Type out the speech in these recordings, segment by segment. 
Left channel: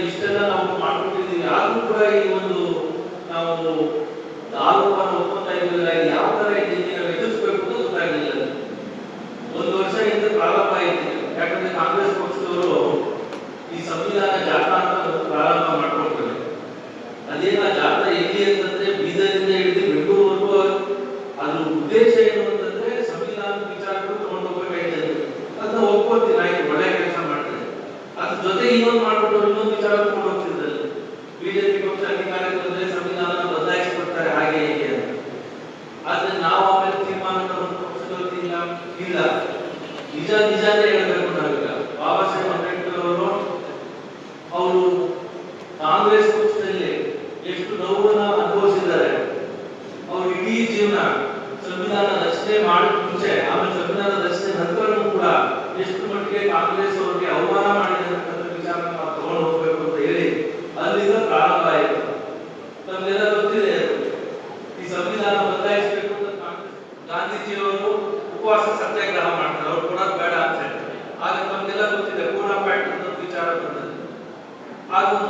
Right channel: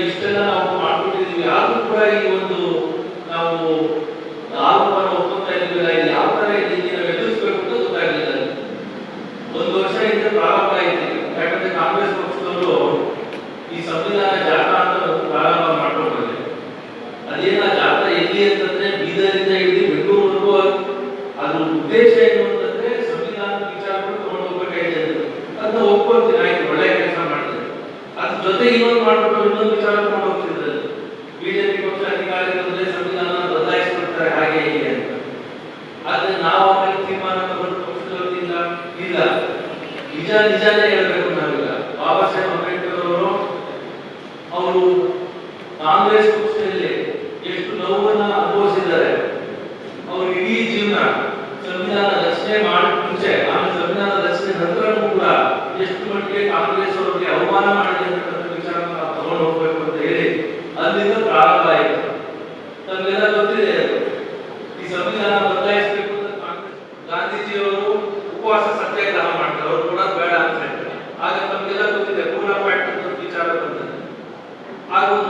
ಇಷ್ಟೆಲ್ಲ ನಾವು ಮಾಡ್ಬಿಟ್ಟಿದ್ದೀವಿ ಆದರೂ ಕೂಡ ಈ ಒಂದು ನಾವು ಆರೋಪನ 你像你像那个。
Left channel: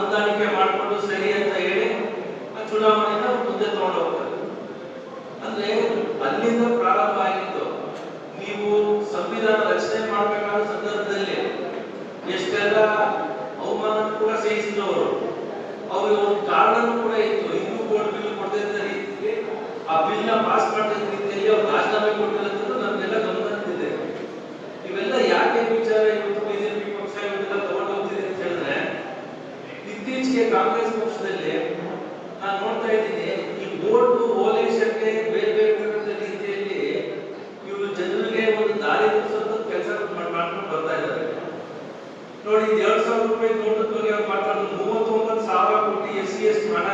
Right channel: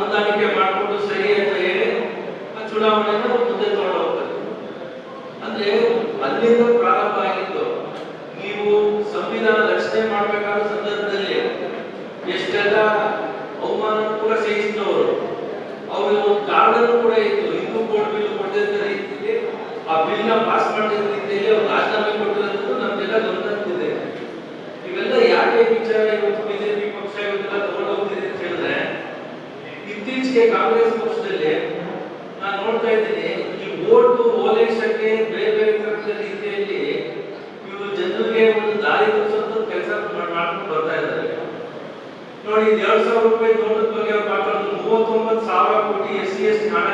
ಹೊಂದಾಣಿಕೆ ಮಾಡಿಕೊಂಡು ಸರಿ ಅಂತ ಹೇಳಿ ಆ ಚುನಾವಣೆನ ಮುಂದೆ ತಗೊಂಡು ಹೋಗ್ತಾರೆ. ಅಂದ್ರೆ ಅಲ್ಲಿಂದ ಪ್ರಾರಂಭ ಆಗಿತ್ತು ನೀವು ಸಂವಿಧಾನ ರಚನೆ ಮಾಡಬೇಕಾದ ಸಂದರ್ಭದಲ್ಲಿ ಎಷ್ಟೆಲ್ಲ ಅವಮಾನ ಕೂಡ ಸಹಿಸಿದವರು ಅವ್ರಿಗೆ ಒಂದು ಕಾರಣ ಕೂಡ ಇತ್ತು. ಹಿಂದೂ ಕೋಡ್ ಬಿಲ್ ಕೊಡದಿದ್ದ ರೀತಿಗೆ ಆ ಬಿಲ್ನ ಪಾಸ್ ಮಾಡಿದ ನೋಡಿ 2000 ರೂಪಾಯಿ ದೊಡ್ಡ ದೊಡ್ಡದಾಗಿ ಪಾತ್ರ 39000 ಕೋಟಿ ಎಸ್ಸಿ ಎಸ್ಟಿ ಹಣ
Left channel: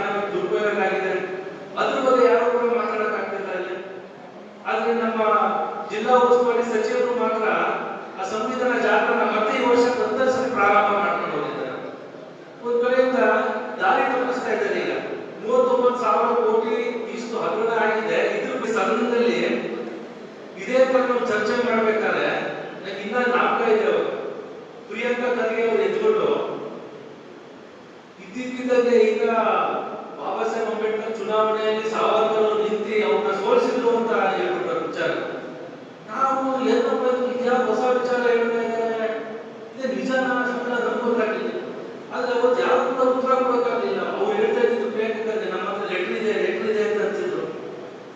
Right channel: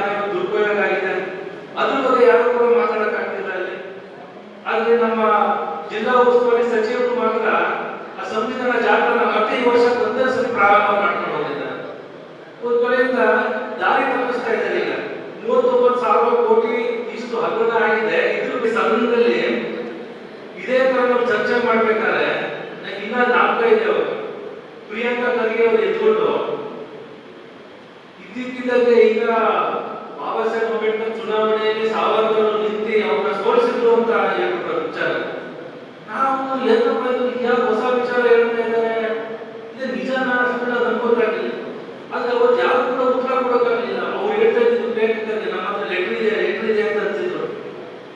ಇದ್ದಕ್ಕಿದ್ದಂತೆ ಈಗ ಬಾಬಾ ಸಾಹೇಬ್ ಅಂಬೇಡ್ಕರ್ ಚುನಾವಣೆಯಲ್ಲಿ ಸಾವರ್ಕರ್ ನಿಂತು ಅವ್ರನ್ನ ಸೋಲಿಸಿದ್ರು ಅಂತ ಹೇಳ್ಬಿಟ್ಟ ವಿಚಾರ. ನಾವು ಏನಪ್ಪ ಇದು ನಿಜ, ಹೊಸ ವಿಚಾರ ಹೇಳ್ತಾ ಇದ್ದಾರೆ? ಇದು ನಿಜ ಸುಮ್ಮನೆ ನಂಬೋದಾಗಿಲ್ಲ ಆದ್ರೆ ಅವತ್ತು ಯಾರು ಕೂಡ ಉತ್ತರ ಕೊಡೋಕ್ಕಾಗಲಿಲ್ಲ. ಅವ್ರು ಹೇಳ್ತಾ ಇದ್ದು ಬೇಕಾದ್ರೆ ನಮ್ಮ ಹತ್ರ ಲೆಟ್ರ್ ಇದೆ ಲೆಟ್ರ್ ಇದೆ ಅಂತ ಅಂತಿದ್ರು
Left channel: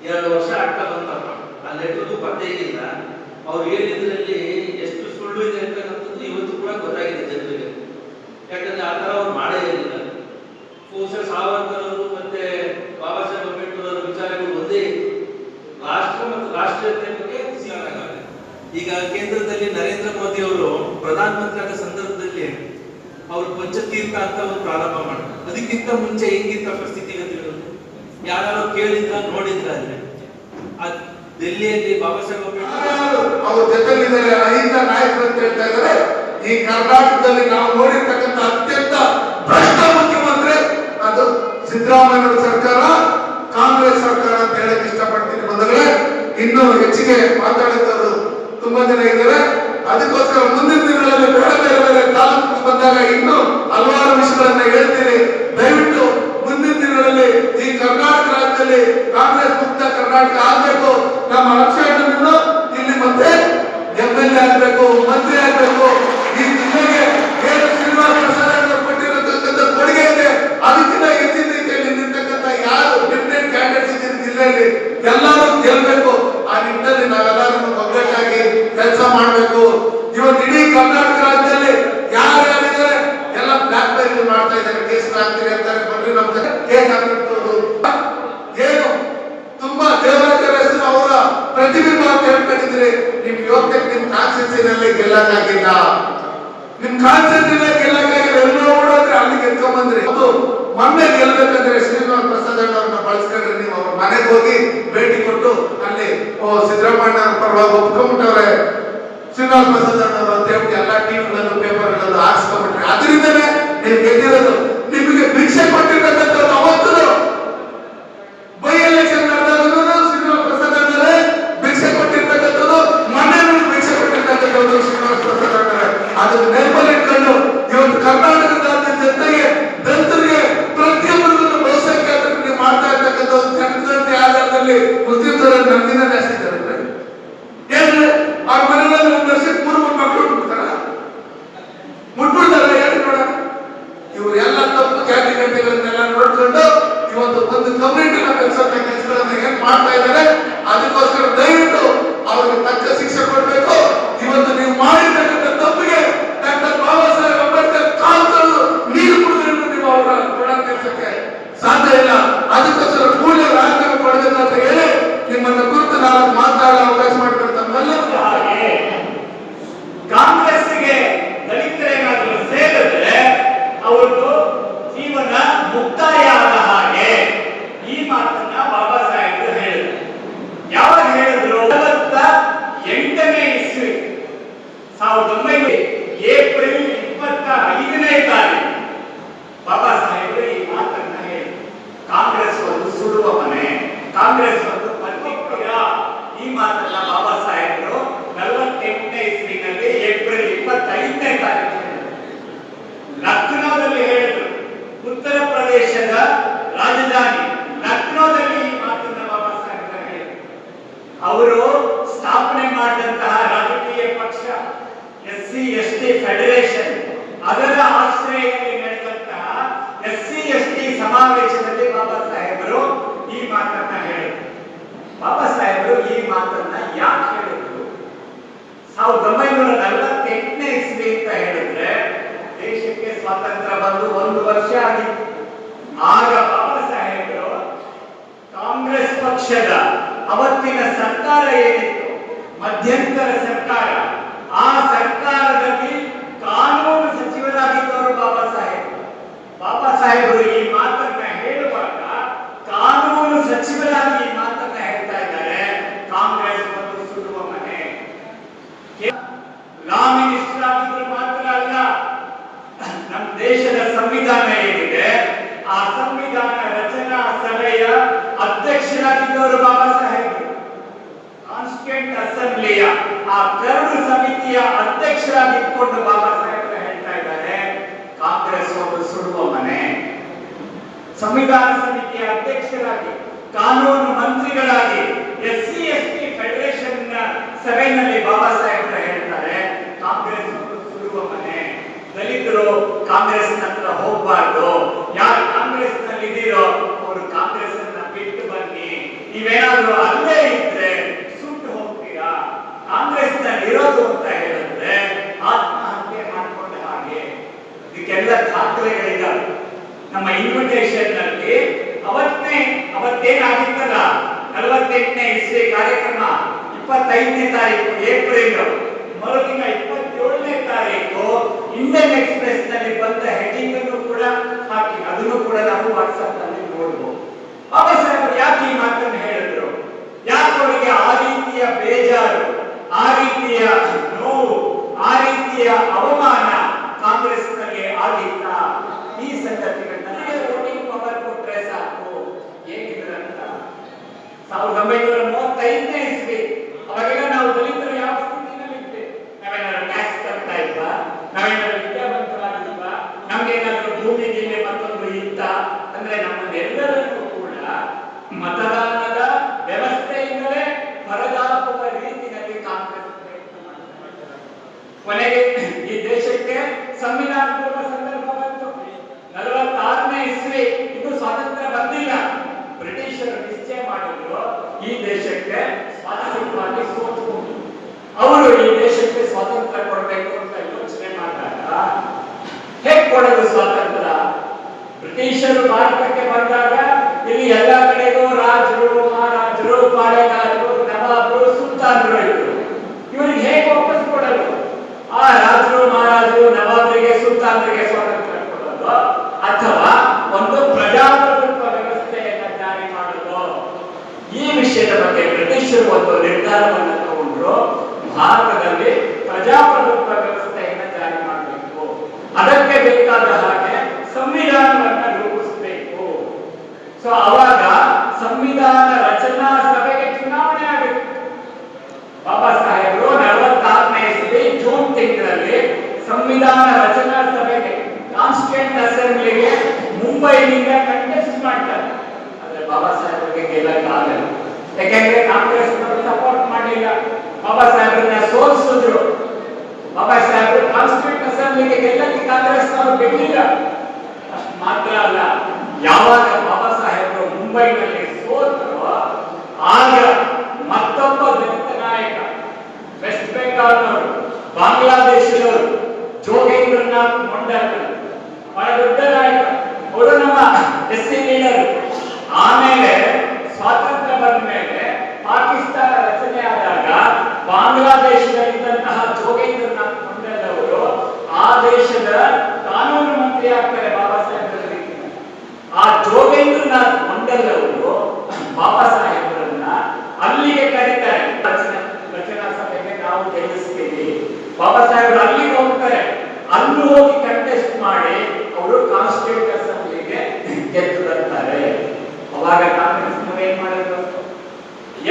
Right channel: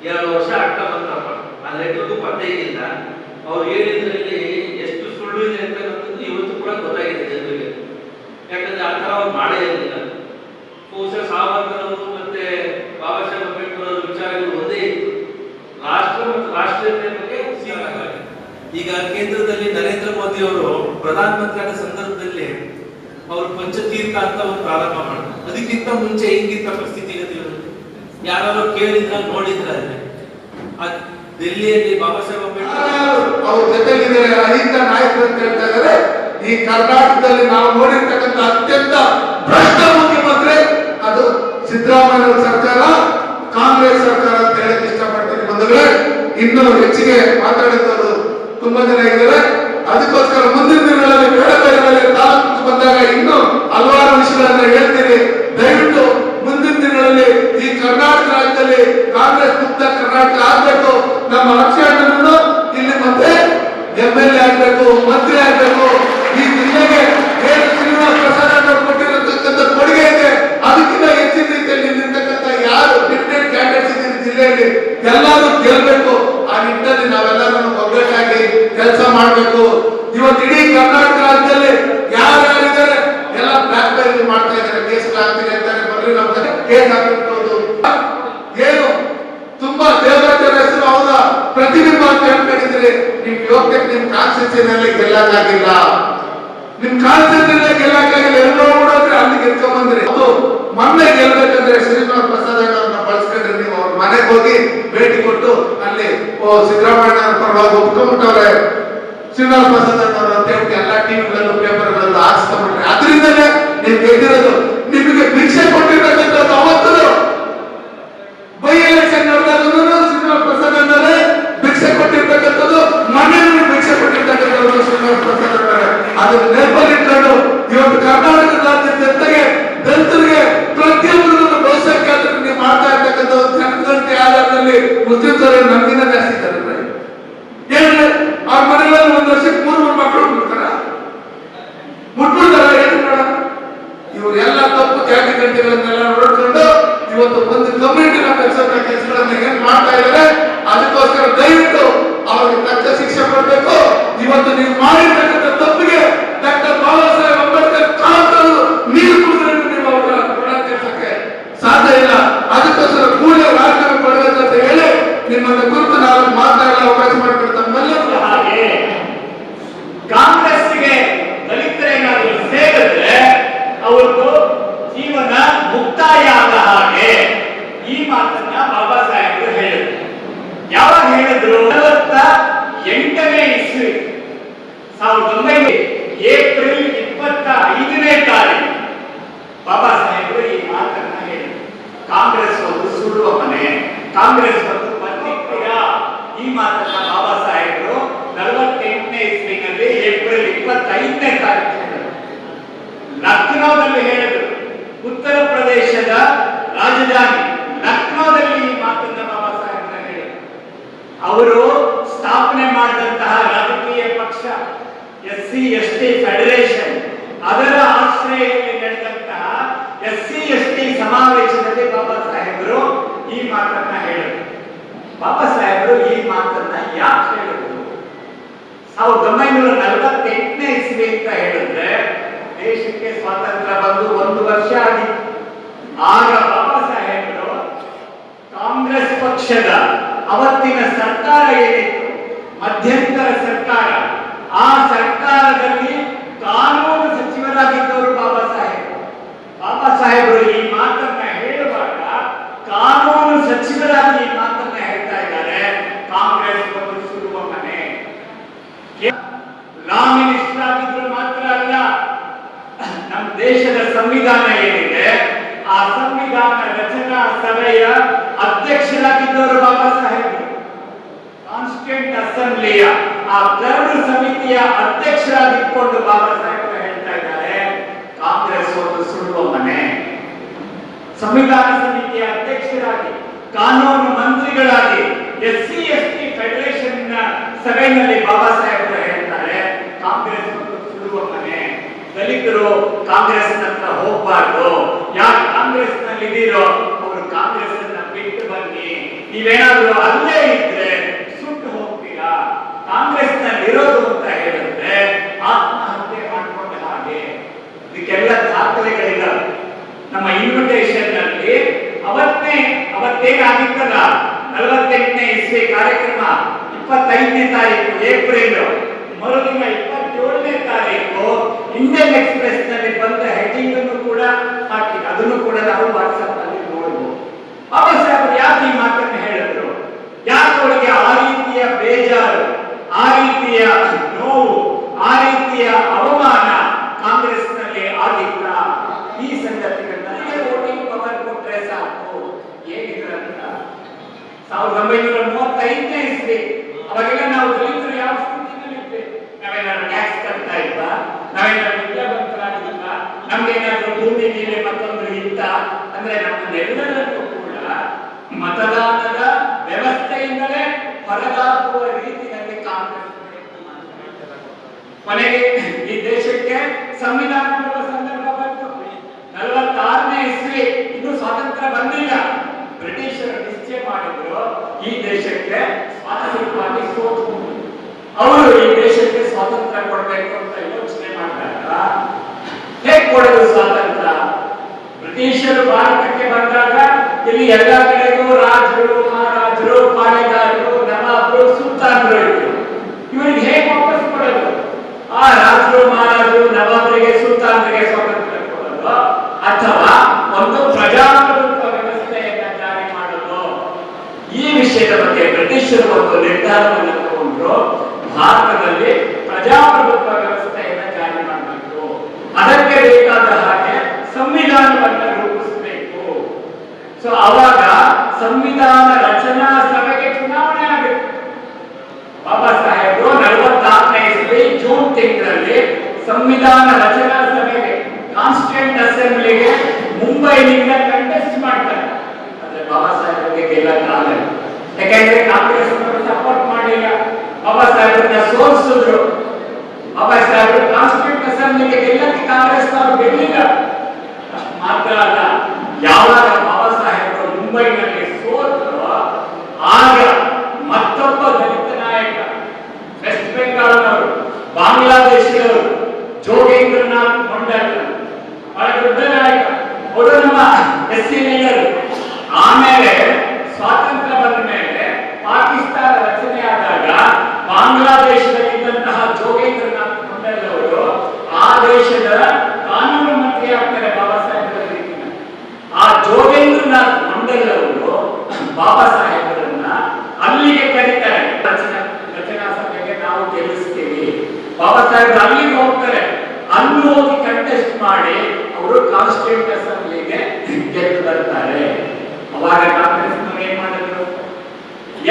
ಎರಡು ವರ್ಷ ಆಗ್ತಾ ಬಂತಪ್ಪ. ಆ ಲೆಟ್ರ್ಗೂ ಪತ್ತೆ ಇಲ್ಲ. ಅವ್ರು ಹೇಳಿದ್ರಲ್ಲಿ ಸಾವರ್ಕರ್ ಅವರು ಮತ್ತೆ ಬಾಬಾ ಸಾಹೇಬ್ ಅಂಬೇಡ್ಕರ್ ಅವರ ವಿಚಾರಗಳು ಒಂದೇ. ರಾಷ್ಟ್ರ ಮತ್ತು ರಾಷ್ಟ್ರೀಯತೆ ಬಗ್ಗೆ ಈಗ ಕೇಂದ್ರದಲ್ಲಿ ನರೇಂದ್ರ ಮೋದಿ ಅವರು ಪ್ರಧಾನಮಂತ್ರಿ ಆದ ಸಂದರ್ಭದಲ್ಲಿ ಅವರು ಪಂಚತೀರ್ಥ ಅಂತ ಒಂದು ಪ್ರಾರಂಭ ಮಾಡ್ತಾರೆ. ಅದಕ್ಕಿಂತ ಮುಂಚೆ ಹೆಂಗಿತ್ತ ಪರಿಸ್ಥಿತಿ ಯಾರು ಕೇಳಿದ್ರ ನೋಡಿದ್ರ ಅಲ್ಲಿ? ಆ ಡೆಲ್ಲಿಯಲ್ಲಿ ಬಾಬಾ ಸಾಹೇಬ್ ಅಂಬೇಡ್ಕರ್ ಅವ್ರ ಜೊತೆಲಿದ್ದಾರೆ ಅಹಿಂದ ನಾಯಕರು ಅಂತ ಹೇಳ್ತಾ ಇದ್ದಾರೆ. ಈ ಕರ್ನಾಟಕದಲ್ಲಿ ನಾವು ನೋಡಿರ್ತಕ್ಕಂಥ ಅತ್ಯಂತ ಭ್ರಷ್ಟ ಸಿದ್ದರಾಮಯ್ಯ ಸರ್ಕಾರ, ಕಾಂಗ್ರೆಸ್ ಸರ್ಕಾರ ಅಂತ ಹೇಳಕ್ ಇಷ್ಟಪಡ್ತೀನಿ. ಬಂದ್ರೆ ಇನ್ನು ಹೆಚ್ಚಿಗೆ ಮಾತಾಡಿದವರು ತುಂಬಾ ಜನ ಇದ್ದಾರೆ. ಅದಕ್ಕೋಸ್ಕರ ಮುಂದಿನ ದಿನಗಳಲ್ಲಿ ಬೇಡ ಬೇರೆ ಬಂದಾಗ ಇನ್ನು ಹಲವಾರು ವಿಷಯಗಳನ್ನ ಹೇಳ್ತೀನಿ. ದಯವಿಟ್ಟು ಮುಂದಿನ ದಿನಗಳಲ್ಲಿ ಈ ಕರ್ನಾಟಕ ರಾಜ್ಯದಲ್ಲಿ ಕಾಂಗ್ರೆಸ್ ಮುಕ್ತ ಕರ್ನಾಟಕ ಆಗ್ಬೇಕು. ನಮ್ಮ ಲಕ್ಷ್ಯ ಇಲ್ಲಿ ಮತ್ತೆ ಎಂ ಎಲ್ ಎ ಆಗ್ಬೇಕು, ಮಂತ್ರಿ ಆಗ್ಬೇಕು ಈ ಜಿಲ್ಲೆಗೆ ಏನು ಶ್ರೀನಿವಾಸ ಪ್ರಸಾದ್ ಅವರು ಕೊಟ್ಟಿರತಕ್ಕಂಥ ಕೊಡುಗೆ ಇದೆ ಅದಕ್ಕಿಂತ ಹೆಚ್ಚಿನ ರೀತಿಯಲ್ಲಿ ನಿಂತಕ್ಕಂಥ ಯಾರು ಡಿಫ್ರೆಂಟ್ ಕ್ಯಾಂಡಿಡೇಟ್ಸ್ ಇದ್ದೀರಿ ಜಿಲ್ಲೆಯಲ್ಲಿ ಎಲ್ಲರೂ ಗೆಲ್ಬೇಕು ಆ ನಿಟ್ಟಿನಲ್ಲಿ ನಾವೆಲ್ಲರೂ ಒಗ್ಗಟ್ಟಾಗಿ ಕೆಲಸ ಮಾಡಬೇಕು. ಇವತ್ತು ಇಡೀ ಕರ್ನಾಟಕ ರಾಜ್ಯದಲ್ಲಿ ಯಾರು ಯಾರಿದ್ದಾರೆ? ಎಲ್ಲ ಬ್ಲಾಕ್ ಮೇಲ್ ಮಾಡ್ತಾ ಇದ್ದಾರೆ. ಕೇಸ್ ಹಾಕ್ತೀರಿ ಅಂತಾರೆ. ಬಂದ್ರೆ ನಮ್ಮ ಕಡೆ ಕೇಸ್ ಹಾಕಿರ್ಬೋದು ಏನು? ತುಂಬಾ ದೇವರಾಜರ ಹೆಸರು ಅವರ ಪ್ರತಿಬಿಂಬ ಅಂತ ಹೇಳ್ಕೊಂಡಿದ್ರಿ ನಿಮ್ ಯೋಗ್ಯ ನಿಮ್ ಕಾನ್ಸ್ಟಿಟ್ಯೂಷನ್ ಗೆಲ್ಲಕ್ಕಾಗಿಲ್ಲ. ನಿಮ್ ಕಾನ್ಸ್ಟಿಟ್ಯೂಷನ್ ಗೆಲ್ಲಕ್ಕಾಗಿಲ್ಲ. ಎಲ್ಲರೂ ನೋಡಿದ್ರೆ ಅಲ್ಲಿ ಗೆದ್ಕೊಂಡ್ ಬಂದ್ರಿ ಅದು ಮೊನ್ನೆ ಗೆಲ್ಬೇಕಂದ್ರೆ ಶ್ರೀನಿವಾಸ ಪ್ರಸಾದ್ ಅವ್ರನ್ನ ಬಳಸ್ಕೊಂಡ್ರೆ ನೀವು ಅವ್ರ ಮನೆಗೆ ಹೋಗಿ ಭೇಟಿ ಕೊಟ್ಟು ಅಲ್ಲಿ ಸಿದ್ದರಾಮಯ್ಯ ಪರವಾಗಿ ಒಪ್ಕೊಂಡ್ಬಿಟ್ಟವ್ರೆ ಶ್ರೀನಿವಾಸ ಪ್ರಸಾದ್ ಅವರು ಅಂತ ಹೇಳಿ ಎಲ್ಲ ಟಿವಿಗಳಲ್ಲೂ ಪೇಪರ್ಗಳಲ್ಲೂ ಹಾಕ್ಸ್ಕೊಂಡ್ಬಿಟ್ರೆ, ಅದರಿಂದಲೇ ನೀವು ಗೆದ್ದಿರೋದು. ನಿಮಗೆ ಭಿಕ್ಷೆ ಕೊಟ್ಟಿರ್ತಕ್ಕಂಥ ಅವತ್ತು ಬೈ ಎಲೆಕ್ಷನ್ ನಡೆದಾಗಲೂ ಶ್ರೀನಿವಾಸ ಪ್ರಸಾದ್ ಅಂದರೆ ಭಿಕ್ಷೆ ಕೊಟ್ಟಿರ್ತಕ್ಕಂಥದ್ದು. ಮನೆಯಲ್ಲಿ ಭಿಕ್ಷೆ ಕೊಟ್ಟಿರ್ತಕ್ಕಂಥದ್ದು ಶ್ರೀನಿವಾಸ ಪ್ರಸಾದ್ ಅಂತಾರೆ. ಅದು ನೆನಪಲ್ಲಿ ಇಟ್ಕೊಂಡು ಇವತ್ತು ಕರ್ನಾಟಕ ರಾಜ್ಯ ಜನತೆಗೆ প্রত্যুত্তরে ಲಕ್ನೋದಲ್ಲಿ ಹೇಳಿದ್ರು. ಉತ್ತರ ಪ್ರದೇಶದ ರಾಜಧಾನಿ ಲಕ್ನೋದಲ್ಲಿ ಈ ಮಾತನ್ನ ಬಾಬಾ ಸಾಹೇಬ್ ಅವರು ಸ್ಥಾಪನೆ ಮಾಡಿದಂತಹ ರಾಜಕೀಯ ಪಕ್ಷ S C S T federation ಅದರ ಆಶ್ರಯದಲ್ಲಿ ನಡೆದಂತಹ ಎಸ್ ಸಿ ಎಸ್ ಟಿ ಸಮಾವೇಶದಲ್ಲಿ ಬಾಬಾ ಸಾಹೇಬರು ಈ ಮಾತನ್ನ ಹೇಳಿದರು ಬಾಬಾ ಸಾಹೇಬರು ಈ ಮಾತನ್ನ ಯಾಕೆ ಹೇಳಿದ್ರು ಸಾವಿರದ ಒಂಬೈನೂರ ನಲವತ್ತೆಂಟನೇ ಇಸ್ವಿ ಅಂತ ಹೇಳಿದ್ರೆ ದೇಶಕ್ಕೆ ಸ್ವಾತಂತ್ರ್ಯ ಬಂದು ಒಂದು ವರ್ಷ ಆಗಿತ್ತು ಆಗ ಬಾಬಾ ಸಾಹೇಬರು ಕಾಂಗ್ರೆಸ್ ಪಕ್ಷದ ಅವತ್ತಿನ ಸರ್ಕಾರ ಏನಿತ್ತು ಮಧ್ಯಂತರ ಸರ್ಕಾರ ಆ ಸರ್ಕಾರದಲ್ಲಿ ಕಾನೂನು ಸಚಿವರಾಗಿದ್ದವರು ಬಾಬಾ ಸಾಹೇಬರು ಬಾಬಾ ಸಾಹೇಬರು ಈ ಮಾತನ್ನ ಹೇಳುವಾಗ ಕಾನೂನು ಸಚಿವರಾಗಿ ಈ ಮಾತನ್ನ ಹೇಳ್ತಾ ಇದ್ದಾರೆ ಕಾಂಗ್ರೆಸ್ ಒಂದು ಸುಡುವ ಮನೆ ಲಾ ಮಿನಿಸ್ಟರ್ ಆಗಿದ್ರು ಮಾತ್ರ ಅಲ್ಲ ನಮ್ಮ ದೇಶದ ಸಂವಿಧಾನ ಏನಿದೆ ಆ ಸಂವಿಧಾನ ರಚನಾ ಸಭೆಯ ಅಧ್ಯಕ್ಷರಾಗಿದ್ದವರು ಬಾಬಾ ಸಾಹೇಬರು ಕಾನ್ಸ್ಟಿಟ್ಯೂಂಟ್ ಅಸೆಂಬ್ಲಿಯ ಆ ಕರಡು ಸಮಿತಿಯ ಅಧ್ಯಕ್ಷರಾಗಿದ್ದುಕೊಂಡು ಬಾಬಾ ಸಾಹೇಬರು ಹೇಳ್ತಾ ಇದ್ದಾರೆ ಕಾಂಗ್ರೆಸ್ ಒಂದು ಸುಡುವ ಮನೆ ಸಂವಿಧಾನ ಸಮಿತಿಯ ಅಧ್ಯಕ್ಷರಾಗಿ, ಕಾನೂನು ಮಂತ್ರಿಗಳಾಗಿ, S C, S T federation ಸಭೆಯಲ್ಲಿ ಬಾಬಾ ಸಾಹೇಬ್ ಹೇಳ್ತಾರೆ, ಕಾಂಗ್ರೆಸ್ ಸುಡುವ ಮನೆ ದಲಿತರು ಕಾಂಗ್ರೆಸ್ ಹೋಗ್ಬಾರ್ದು. ಯಾರು ಕಾಂಗ್ರೆಸ್ನಲ್ಲಿ ಇದೀರೋ ಅವರು ಕಾಂಗ್ರೆಸ್ ಅನ್ನ ಬಿಟ್ಟು ಬನ್ನಿ. ನೀವೇನಾದ್ರೂ ಅಲ್ಲೇ ಇದ್ರೆ ಸುಟ್ಟು ಹೋಗ್ತೀರಾ? ಕಾಂಗ್ರೆಸ್ನಲ್ಲಿ ಇರೋದು ಅಂತ ಹೇಳಿದ್ರೆ ಆತ್ಮಹತ್ಯೆ ಮಾಡ್ಕೊಂಡ ಹಾಗೆ. ಇದಕ್ಕೆಲ್ಲ ದಾಖಲೆಗಳಿದಾವೆ. ನಮ್ಮ ಇನ್ವಿಟೇಷನ್ನಲ್ಲಿ ಅವತ್ತೇ, ಅವತ್ತೇನಾಗಿತ್ತಲ್ಲ? ನಲವತ್ತೆಂಟನೇ ಇಸ್ವಿ ಕಾರ್ಯಕ್ರಮ, ಇಪ್ಪತ್ತೈದನೇ ತಾರೀಕು, ಏಪ್ರಿಲ್. ಮರುದಿನ ಇಪ್ಪತ್ತೇಳನೇ ತಾರೀಕು ಇಂಡಿಯನ್ ಎಕ್ಸ್ಪ್ರೆಸ್ನಲ್ಲಿ ಬಂದ ಹೆಡ್ಡಿಂಗ್ ಅನ್ನು ಕೂಡ ಹಾಕಿ ಅದನ್ನು ಕೂಡ ನಾವು ವಾಟ್ಸ್ಆಪ್ನಲ್ಲಿ ನೋಡಬಹುದು ಬಾಬಾ ಸಾಹೇಬರು ಯಾಕೆ ಈ ಮಾತನ್ನು ಹೇಳಿದ್ರು ಯಾಕೆ ಅವರಿಗೆ ಆ ರೀತಿಯ ಬೇಜಾರು ಆ ರೀತಿಯ ನೋವು ಆ ರೀತಿಯ ಅವಮಾನ ಕಾಂಗ್ರೆಸ್ನಲ್ಲಿ ಆಗಿತ್ತ ಈ ಸಂಗತಿಗಳನ್ನ ವೋಟಿಂಗ್ ಪವರ್ ಕೊಟ್ರೆ ಸಾಕು ಹೇಗಿದ್ರಂತ ಸಾವಿರದ ಒಂಬೈನೂರ ಮೂವತ್ತೈದನೇ ಇಸ್ವಿ ಅವಾಗೆಲ್ಲ ನಾವು ದಲಿತರು ಯಾವ ಸ್ಥಿತಿನಲ್ಲಿದ್ದೆ ನಾವೇನಾದ್ರು ಟ್ಯಾಕ್ಸ್ ಕಟ್ತಾ ಇದ್ದ ನಾವೇನಾದ್ರು ವಿದ್ಯಾವಂತರಾಗಿದ್ದ ನಮ್ಗೇನಾದ್ರೂ ಭೂಮಿ ಗೀಲೆ ಮತ್ತೊಂದು ಇತ್ತ ಅಂದ್ರೆ ನಮ್ಮನ್ನೆಲ್ಲರನ್ನೂ ಕೂಡ ಮತದಾನದ ವ್ಯವಸ್ಥೆಯಿಂದಲೇ ಹೊರಗಾಗುವ ರೀತಿಯಲ್ಲಿ ಕಾಂಗ್ರೆಸ್ ಕೊನೆಗೆ ಈ ದೇಶಕ್ಕೆ ಸಂವಿಧಾನ ಕೊಡುವ ಸಂದರ್ಭ ಬಂತು. ನಲವತ್ತಾರನೇ ಇಸ್ವಿ ಇದು ಸ್ವಾತಂತ್ರ್ಯ ಬಂದಿಲ್ಲ. ಬ್ರಿಟಿಷರು ನಿಶ್ಚಯ ಮಾಡಿದ್ರು ಈ ದೇಶಕ್ಕೆ ಸ್ವಾತಂತ್ರ್ಯವಾಗಿ ಸೋತು. ಅವರು ಈ ದೇಶಕ್ಕೆ ಸ್ವಾತಂತ್ರ್ಯ ಕೊಡಬೇಕು ಅಂತ ಯೋಚನೆ ಮಾಡಿದಾಗ ಹೇಗೆ ಕೊಡೋದು ಸ್ವಾತಂತ್ರ್ಯ? ಬ್ರಿಟಿಷರು ಭಾರತಕ್ಕೆ ಬಂದಾಗ ಇಲ್ಲಿ ಎಲ್ಲ ಕಡೆಗೂ ರಾಜರು ಮಹಾರಾಜರು ಪಾಳೆಗಾರರು ನವಾಬರು ಸುಲ್ತಾನರು ಇದ್ರು ಇವರಿಗೆ ಹೇಗೆ ವಾಪಸ್ ಕೊಡೋದು ಆ ರಾಜರು ಮಹಾರಾಜರು ನವಾಬರಿಗೆ ಸುಲ್ತಾನರಿಗೆ ಸ್ವಾತಂತ್ರ್ಯ ಕೊಡೋದು ಅಥವಾ ಒಂದು ಪ್ರಜಾಪ್ರಭುತ್ವ ವ್ಯವಸ್ಥೆಯನ್ನ ಜಾರಿ ಮಾಡೋದು ಈ ವಿಷಯದ ಬಗ್ಗೆ ಬ್ರಿಟಿಷರು ಒಂದು ನಿರ್ಧಾರವನ್ನು ತಗೊಂಡ್ರು ಭಾರತದಲ್ಲಿ ಪ್ರಜಾಪ್ರಭುತ್ವ ವ್ಯವಸ್ಥೆಯನ್ನ ಜಾರಿ ಮಾಡಬೇಕು ಅದಕ್ಕೆ ಬೇಕಾದ ಹಾಗೆ ಸಂವಿಧಾನವನ್ನ ರೂಪಿಸಬೇಕು ಸೊ ಅವಾಗ ಸಂವಿಧಾನ ರಚನಾ ಸಭೆಗೆ ಚುನಾವಣೆ ಆಗಬೇಕು ಬಾಬಾ ಸಾಹೇಬರು ನಲವತ್ತಾರನೇ ಇಸ್ವಿ ಜೂನ್ ತಿಂಗಳಲ್ಲಿ ಸಂವಿಧಾನ ರಚನಾ ಸಭೆಗೆ ಕಾನ್ಸ್ಟಿಟ್ಯೂಂಟ್ ಅಸೆಂಬ್ಲಿಗೆ ಮುಂಬೈನಿಂದ ಕಂಟೆಸ್ಟ್ ಮಾಡ್ತಾರೆ ಆದ್ರೆ ಬಾಬಾ ಸಾಹೇಬರಿಗೆ ಗೆಲ್ಲಕ್ಕಾಗಲ್ಲ ಯಾಕಂದ್ರೆ ಕಾಂಗ್ರೆಸ್ ಸಪೋರ್ಟ್ ಮಾಡಿಲ್ಲ ಬಾಬಾ ಸಾಹೇಬರನ್ನ ಸೋಲಿಸಿದ್ರು ಬಾಬಾ ಸಾಹೇಬರು ಕಾನ್ಸ್ಟಿಟ್ಯೂಂಟ್ ಅಸೆಂಬ್ಲಿಗೆ ಗೆಲ್ಲಕ್ಕೆ ಕಾಂಗ್ರೆಸ್ ಅವರು ಬಿಡಲಿಲ್ಲ ಅಷ್ಟ್ ಮಾತ್ರ ಅಲ್ಲ ಯಾವಾಗ ಬಾಬಾ ಸಾಹೇಬರು ಮುಂಬೈನಲ್ಲಿ ಸೋತರು ಆಗ ಮತ್ತೊಬ್ಬ ದಲಿತ ನಾಯಕ ವೆಸ್ಟ್ ಬೆಂಗಾಲ್ನವರು ಬಾಂಗ್ಲಾದೇಶದವರು ಜೋಗೇಂದ್ರನಾಥ್ ಮಂಡಲ್ ಬಹಳ ದೊಡ್ಡ ನಾಯಕ ಅವರು ನಮ್ಮ ಎಸ್ ಸಿ ಲೀಡರ್ ಆಮೇಲೆ ಸ್ವಾತಂತ್ರ್ಯ ಬಂದ ಮೇಲೆ ಪಾಕಿಸ್ತಾನ ರಚನೆ ಆದಾಗ ಬಾಂಗ್ಲಾದೇಶದಲ್ಲಿದ್ದಂತಹ ಜೋಗೇಂದ್ರನಾಥ್ ಮಂಡಲ್ ಅವರು ಆ ದೇಶದ ಕಾನೂನು ಮಂತ್ರಿ ಆಗ್ತಾರೆ ಬಾಬಾ ಸಾಹೇಬ್ ಆ ಜೋಗೇಂದ್ರನಾಥ್ ಮಂಡಲ್ ಅವರು ಬಾಬಾ ಸಾಹೇಬರನ್ನ ಅಲ್ಲಿಗೆ ಕರೀತಾರೆ ರಚನಾ ರಚನಾ ಸಭೆಗೆ ನಾವು ಗೆಲ್ಲಿಸ್ತೀವಿ ಬಾಬಾ ಸಾಹೇಬರು ಅಲ್ಲಿಗೆ ಹೋಗ್ತಾರೆ ಅಲ್ಲಿ ಹೋಗಿ ಕಂಟೆಸ್ಟ್ ಮಾಡಿ ಅವರು ಕಾನ್ಸ್ಟಿಟ್ಯೂಂಟ್ ಅಸೆಂಬ್ಲಿಗೆ ಗೆದ್ದು ಬರ್ತಾರೆ ಅವಾಗ ಕಾಂಗ್ರೆಸ್ನವ್ರು ಏನ್ ಮಾಡಿದ್ರು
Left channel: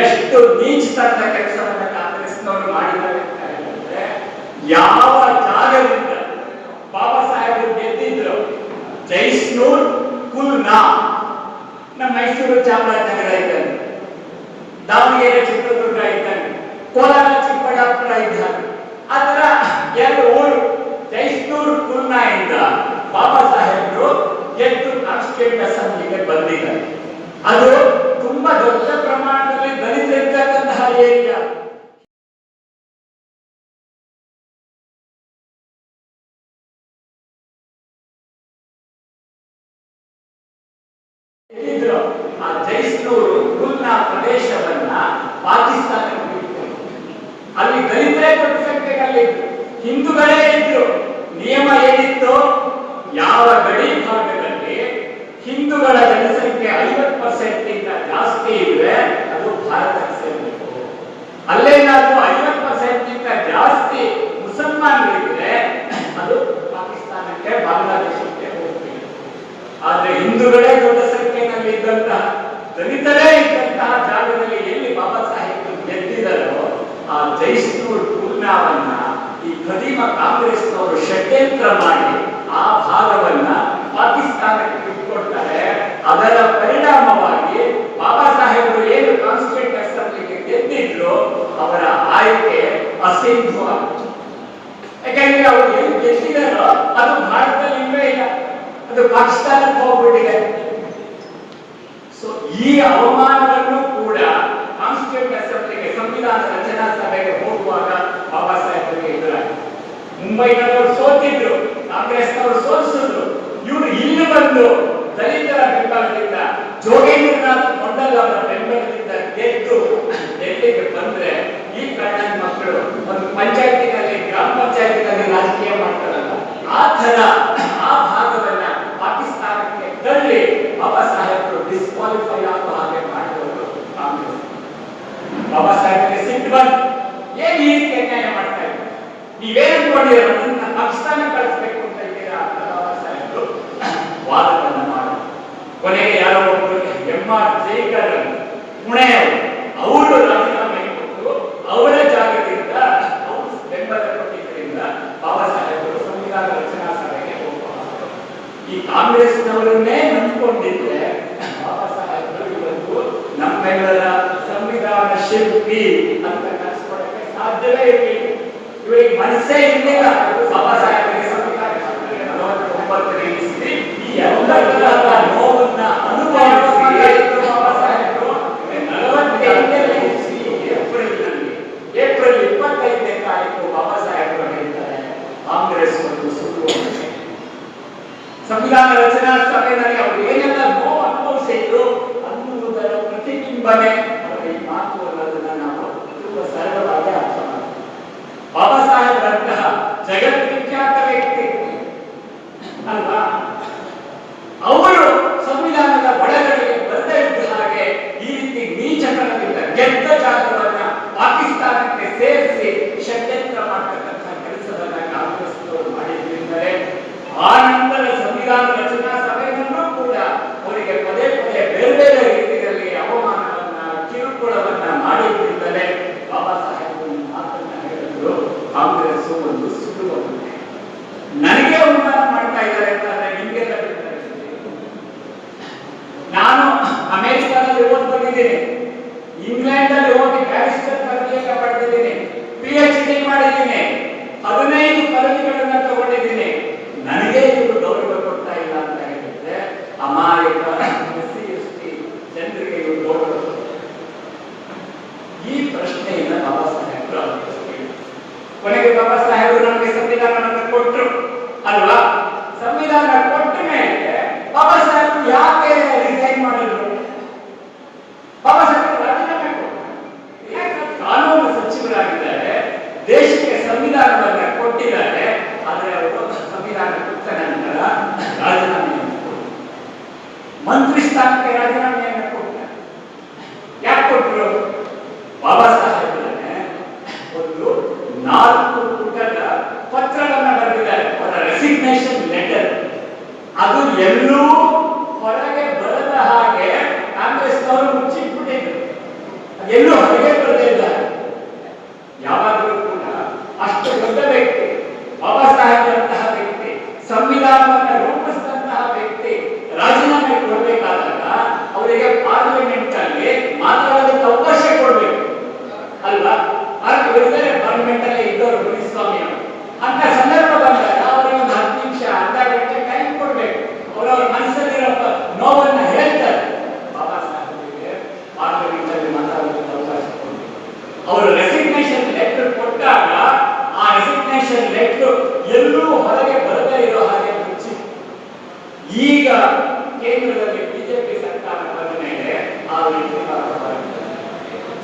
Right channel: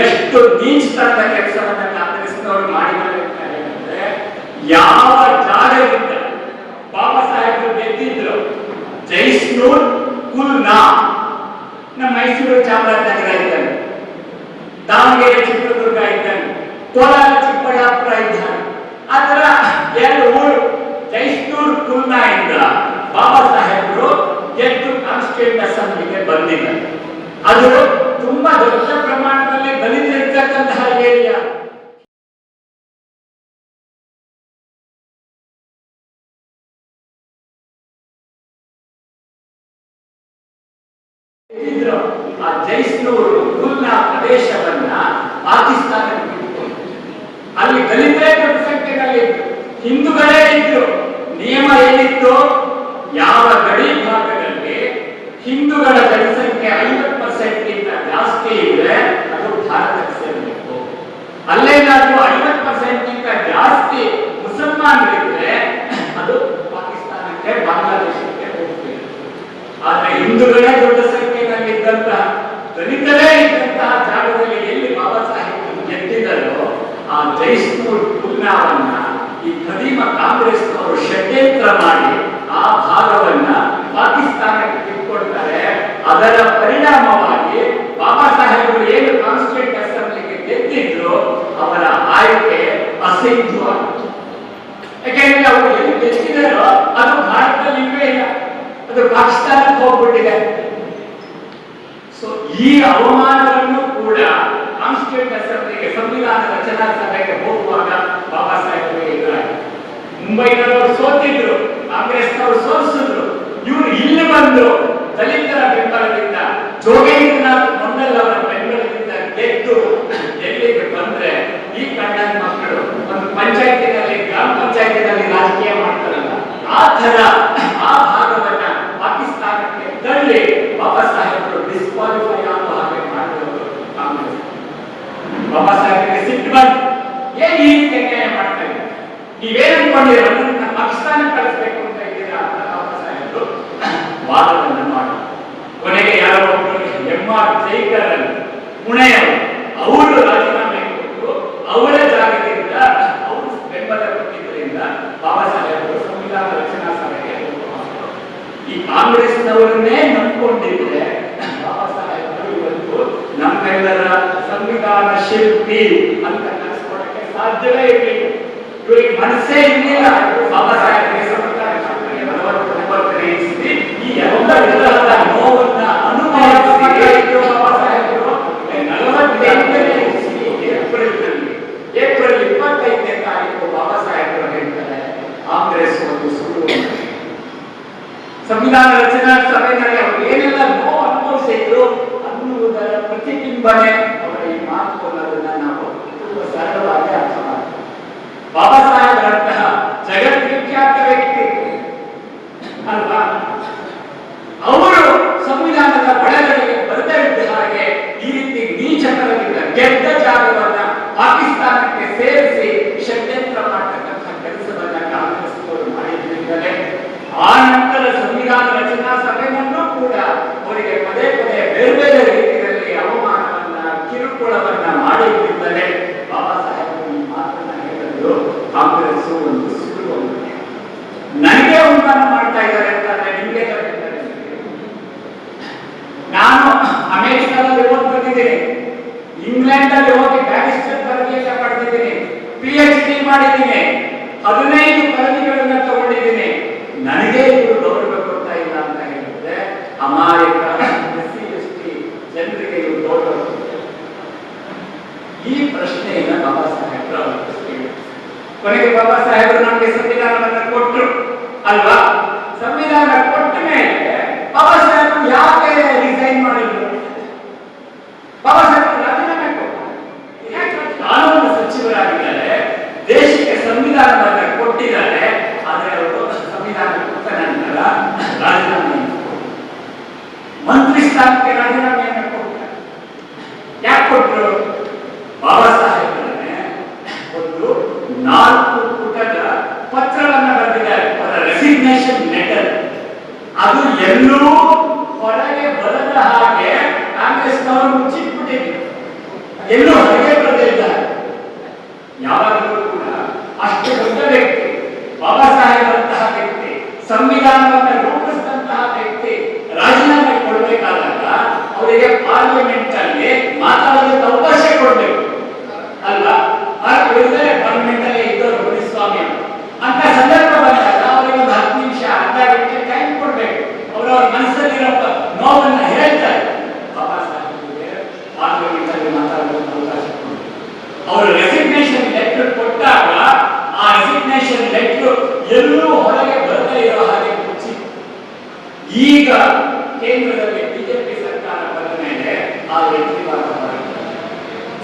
ಎಷ್ಟು ನೀಚತನದ ಕೆಲಸವನ್ನ ಕಾಂಗ್ರೆಸ್ನವರು ಮಾಡಿದ್ದಾರೆ ಯಾವ ಜಾಗದಿಂದ ಬಾಬಾ ಸಾಹೇಬರು ಗೆದ್ದಿದ್ರು? ಜೈಸ್ನೂರ್ ಕುಲ್ನಾ ನಮ್ಮ ಮೈಸೂರು ಚಾಮರಾಜನಗರ ಇದ್ದಾನೆ. ದಾವಣಗೆರೆ, ಚಿತ್ರದುರ್ಗ ಇದ್ದಾನೆ. ಕೋಲಾರ, ಚಿಕ್ಕಬಳ್ಳಾಪುರ ಇದ್ದಾನೆ. ತರ ಎರಡು ಊರು ಜೈಸ್ನೂರ್ ಕುಲ್ನಾ ಇಂದ ಬಾಬಾ ಸಾಹೇಬರು ಗೆದ್ದು ಕಾನ್ಸ್ಟಿಟ್ಯೂಂಟ್ ಅಸೆಂಬ್ಲಿಗೆ ಬಂದಿದ್ದಾರೆ. ಅದು ತುಂಬಾ ದೊಡ್ಡ ಪ್ರಮಾಣದಲ್ಲಿ ಆ ಜೈಸ್ನೂರು ಗುಲ್ನಾ ಪ್ರದೇಶವನ್ನ ಪಾಕಿಸ್ತಾನಕ್ಕೆ. ಅಲ್ಲಿ ದಲಿತರೇ ದೊಡ್ಡ ಹಿಂದೂಗಳೇ ಇದ್ರು. ನಿಯಮ ಏನಿತ್ತು ಯಾವ ಗಡಿ ಭಾಗದಲ್ಲಿ ಹಿಂದೂಗಳ ಜನಸಂಖ್ಯೆ ಐವತ್ತು ಪರ್ಸೆಂಟ್ ಗಿಂತ ಜಾಸ್ತಿ ಇದ್ರೆ ಅದು ಭಾರತಕ್ಕೆ ಸೇರಬೇಕು. ಅಲ್ಲೇನಾದ್ರೂ ಐವತ್ತು ಪರ್ಸೆಂಟ್ ಗಿಂತ ಜಾಸ್ತಿ ಮುಸಲ್ಮಾನರಿದ್ರೆ ಅದು ಪಾಕಿಸ್ತಾನಕ್ಕೆ ಬಾಂಗ್ಲಾದೇಶಕ್ಕೆ ಹೋಗ್ತಿದೆ. ಆದ್ರೆ ಹಿಂದೂಗಳೇ ದೊಡ್ಡ ಸಂಖ್ಯೆಯಲ್ಲಿ ದಲಿತರೇ ಇದ್ದಂತಹ ಜಾಗದಲ್ಲಿ ಎಲ್ಲಿ ಬಾಬಾ ಸಾಹೇಬ್ ಗೆದ್ದಿದ್ದಾರೋ ಆ ಜೈಸ್ನೂರ್ ಪೂರ್ಣವನ್ನ ಈ ಖದೀಮ ಕಾಂಗ್ರೆಸ್ನವರು ಷಡ್ಯಂತ್ರ ಮಾಡಿ ಎಲ್ಲಿಗೆ ಬಂದ್ರೆ ಈ ಕಾರಣದ ಮಕ್ಕಳು ಒಂದು ಪಂಚಾಯತಿನಲ್ಲಿ, ಗ್ರಾಮ ಪಂಚಾಯತಿನಲ್ಲಿ ರಾಜಕೀಯ ಮಾಡ್ತಾರಲ್ಲ, ಆ ತರ ಆ ಭಾಗವನ್ನ ಪಾಕಿಸ್ತಾನಕ್ಕೆ ತಳ್ಳಿ ಬಾಬಾ ಸಾಹೇಬರು ಡಿಸ್ಕ್ವಾಲಿಫೈ ಆಗೋ ಹಾಗೆ ಮಾಡುವುದು ಕಾಂಗ್ರೆಸ್. ಬಾಬಾ ಸಾಹೇಬರಿಗೆ ಸಿಟ್ಟು ಬಂತು. ಏನ್ ಈ ರೀತಿ ಅನ್ಯಾಯ ಮಾಡ್ತಾ ನೀವೇನು ಪಾಕಿಸ್ತಾನ ಕಳಿಸ್ಬೇಕು ಅಂತ ಇದ್ದೀರಾ ಅಂತ ಬಾಬಾ ಸಾಹೇಬರು? ವಾದವನ್ನು ಮಾಡೋದು. ಕೊನೆಗೆ ಯಾರೋ ಒಬ್ಬರು ಎಂ ಆರ್ ಜೈಕರನ್ನು, ಪುಣೆಯವರು ಅವರ ಜಾಗದಿಂದ, ಅವರು ಬೆಂಬಲ ಕೊಟ್ಟಿದ್ದರಿಂದ ಬಾಬಾ ಸಾಹೇಬರು ಸಂವಿಧಾನ ರಚನಾ ಸಭೆಗೆ ಈ ಕಾಂಗ್ರೆಸ್ನವರನ್ನೇ ನಂಬಿಕೊಂಡಿದ್ರೆ ಬಾಬಾ ಸಾಹೇಬರು ಇವತ್ತು ನಮ್ಮೆಲ್ಲರ ಸಂವಿಧಾನ ಶಿಲ್ಪಿ ಅಂತ ಕನಸ್ಕೊಳಕ್ಕೆ ಸಾಧ್ಯವೇ ಇರಲಿಲ್ಲ. ಇವರಿಗೆ ಮನಸ್ಸೇ ಇರಲಿಲ್ಲ. ಬಾಬಾ ಸಾಹೇಬರಿಗೆ ಸಂವಿಧಾನ ನಲವತ್ತೊಂಬತ್ತನೇ ಈ ಎಲ್ಲ ವಿಧಾನ ಸಂವಿಧಾನ ರಚನಾ ಸಭೆಯಲ್ಲಿ ಏನೆಲ್ಲ ನೋವು ಅನುಭವಿಸಿದ್ರು ಅನ್ನುವುದರ ಪ್ರತಿಬಿಂಬನೆ সংবিধান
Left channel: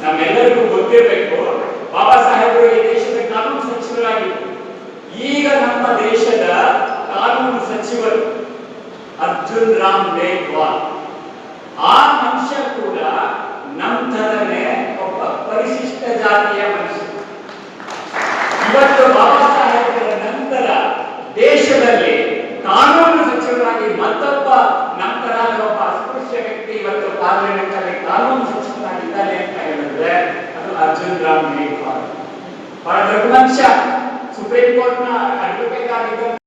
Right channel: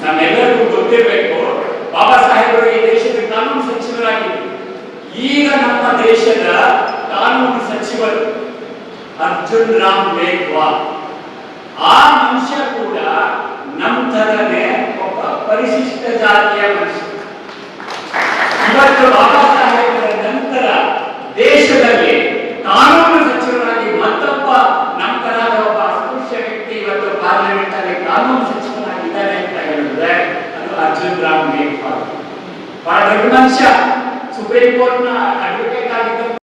ನಮ್ಮೆಲ್ಲರಿಗೂ ಗೊತ್ತಿರಬೇಕು, ಬಾಬಾ ಸಾಹೇಬರು ಈ ದೇಶದ ಕಾನೂನು ಸಚಿವರಾಗಿದ್ದರು. ಈಗ ನಮ್ಮ ದೇಶದ ಕಾನೂನು ಸಚಿವರು ಅರ್ಜುನ್ ರಾಮ್ ಮೇಘ್ವಾಲ್. ಆ ಮನುಷ್ಯ ಕೂಡ ನಮ್ಮ ತರನೇ ಒಬ್ಬ ಪರಿಶಿಷ್ಟ ಜಾತಿಯ ಮನುಷ್ಯ. ಇವತ್ತು ಬಾಬಾ dahsyat Supreme Court